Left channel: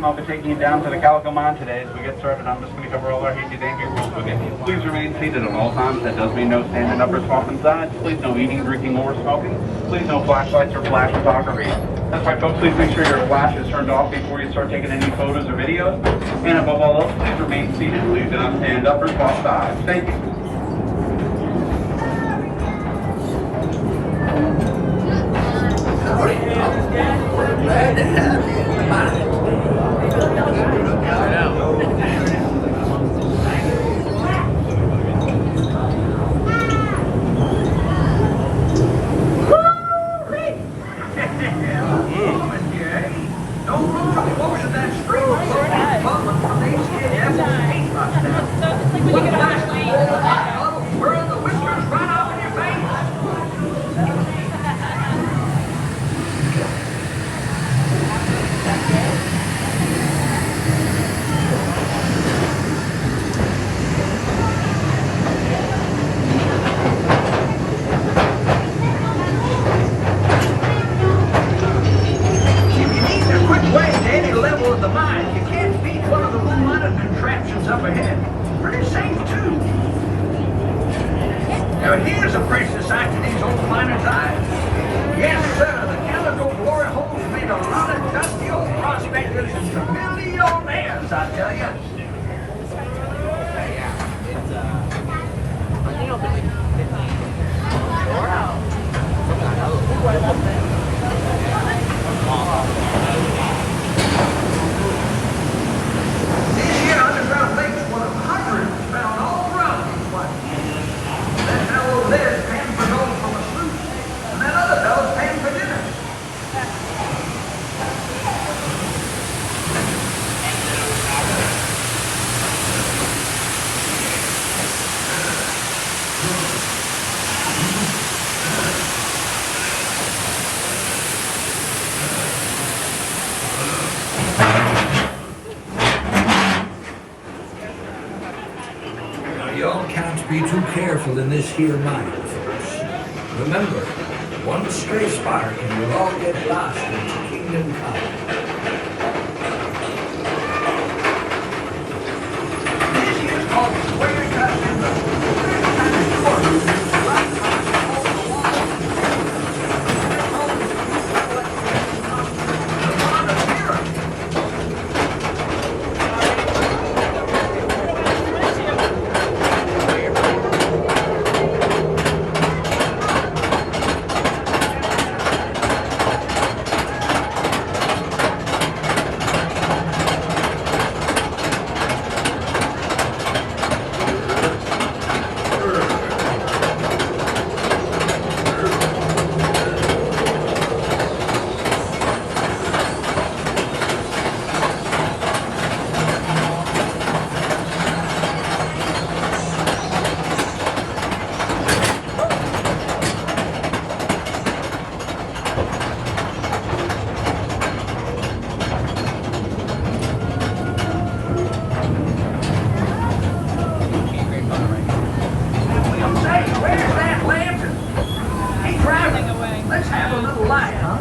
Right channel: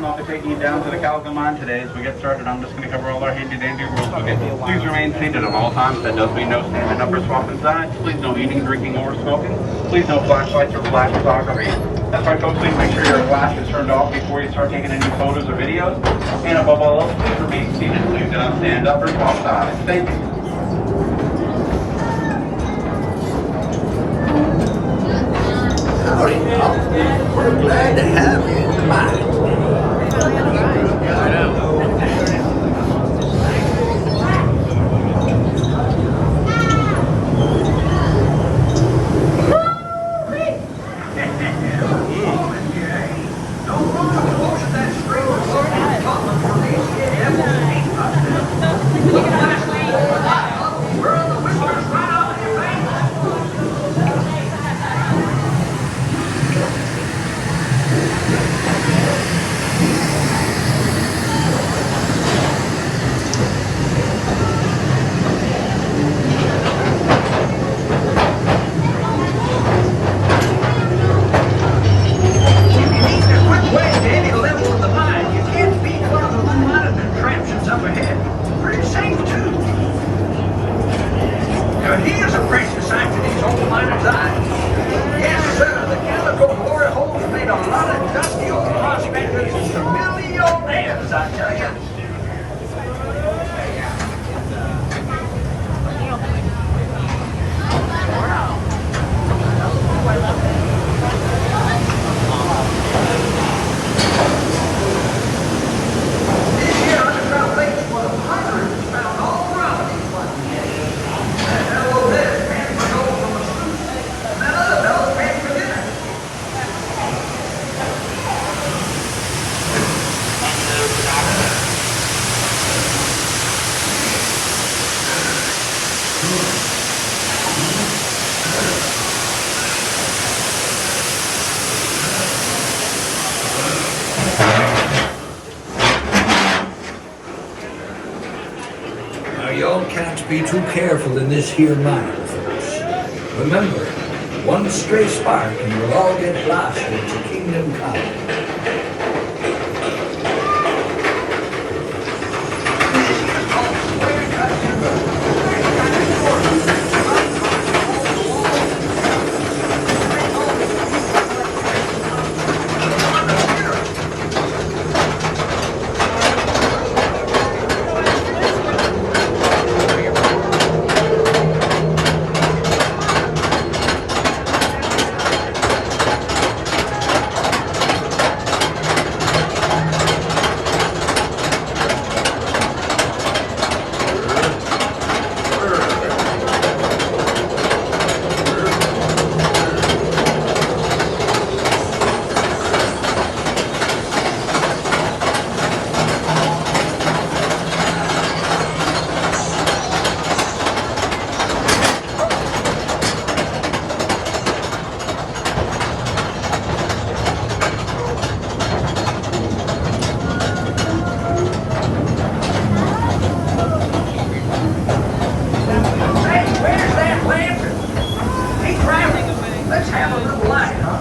time. I'll be taking you down to the Calico mine today. As we get started, I'm just going to cover all our handy-dandy rules. Okay, please remain seated at all times. That does mean no standing up or swapping sides. Please no eating, drinking, or smoking. Please no flashlights or flash photography. That's right, folks. Please make sure your flash is turned off before you start taking any photos or videos. And above all else, please remain seated. Please do not stand up or swap sides. Thank you. Howdy, Pop. We're glad to have you in the mine. I know. Here's a precious sight to these old miners' eyes. Yes, sir, the Calico glory holes made a lot of dusty old prospectors into millionaires, I tell you. This here underground lake is one of hundreds found all around these places. That fellow over there is paying for gold from a sloop, and that other fellow's paying for dinner. Now, y'all can't be too careful in this here mine, folks. Remember, one stray spark and you'll all get blasted into Kingdom Come. Let's have a little light, huh?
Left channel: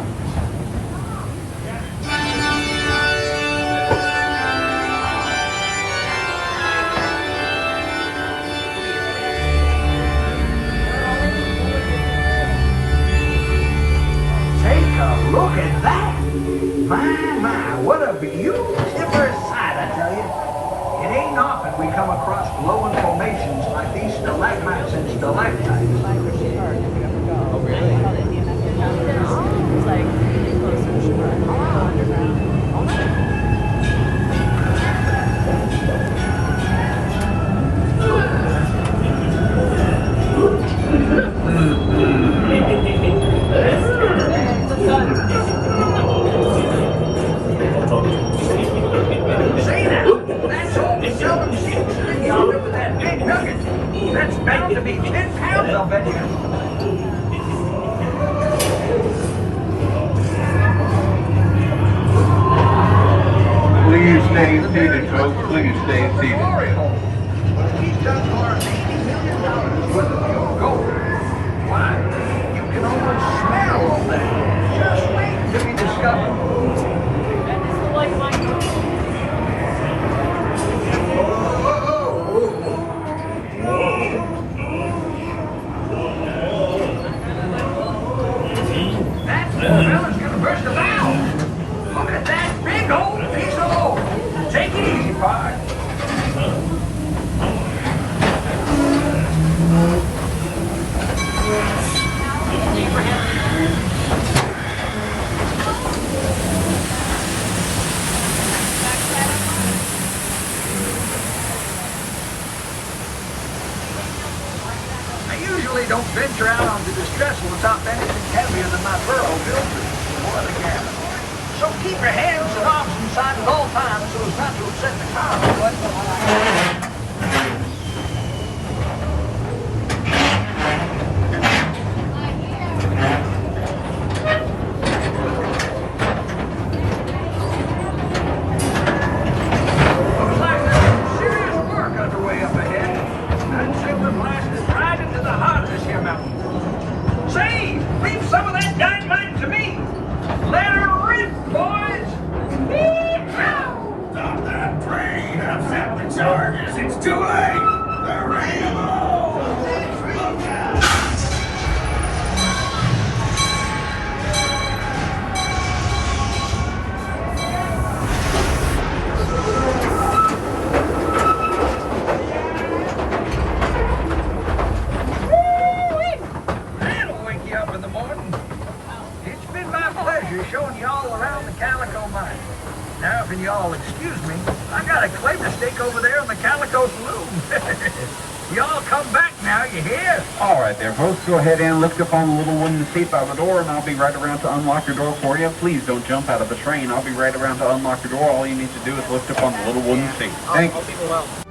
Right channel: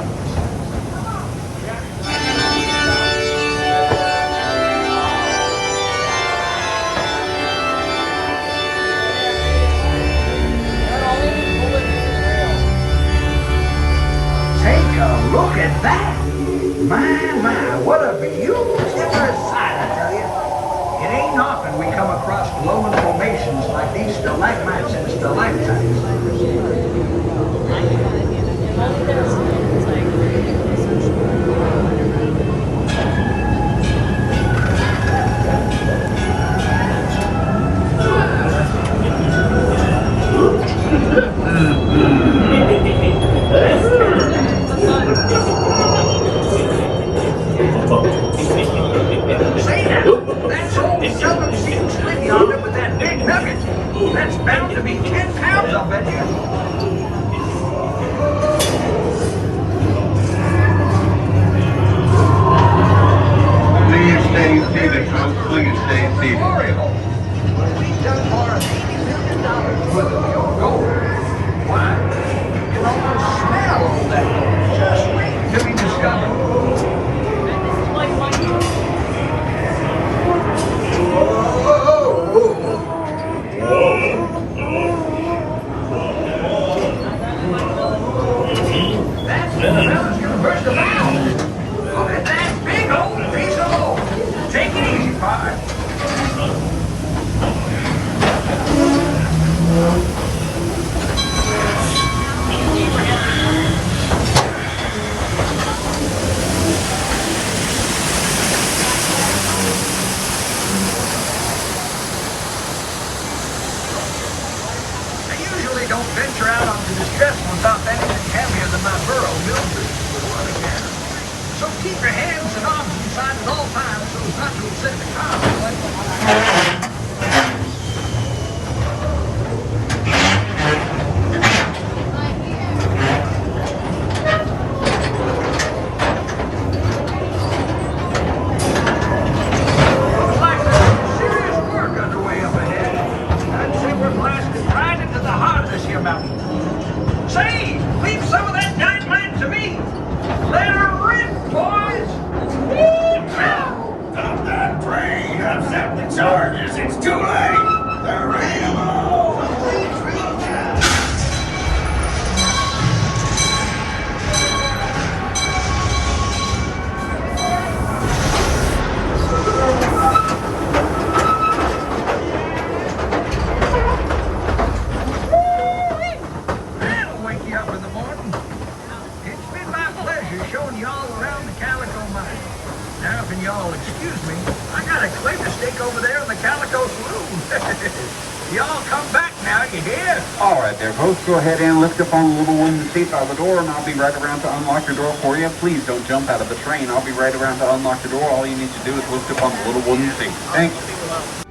Take a look at that. My, what a beautiful sight, I tell you. It ain't often we come across glowing formations like these stalagmites and stalactites. That's bound to be 10 pounds, I'll bet you. Please stay seated, folks. Please stay seated. When we dug our $80 million worth of pure gold, why, you can almost smell all that gold just waiting to be discovered. furrow builders. What a gal. So keep your hands and arms inside at all times so as not to upset the tire. Looks like serious work underway up ahead. I'd say we're blasted right into the heart of this here mountain. Say, leave some of that dynamite to me. Let her rip, boys. Stop that train! Upset the charges! It's too late! They're ready to move! That'll wake you up in the morning. It's been my pleasure showing y'all around the Calico mine. Now, if y'all excuse me, I got a clay mistake over there in the Calico's room. Y'all come back now, you hear? All right there, folks. Go ahead and lift up on the little wooden seat by the door, and I'll be right around to unlock your door for you. Please don't jump out of the train. I'll be right around to unlock your door. All you need to do is lift up on the little wooden seat. Thank you.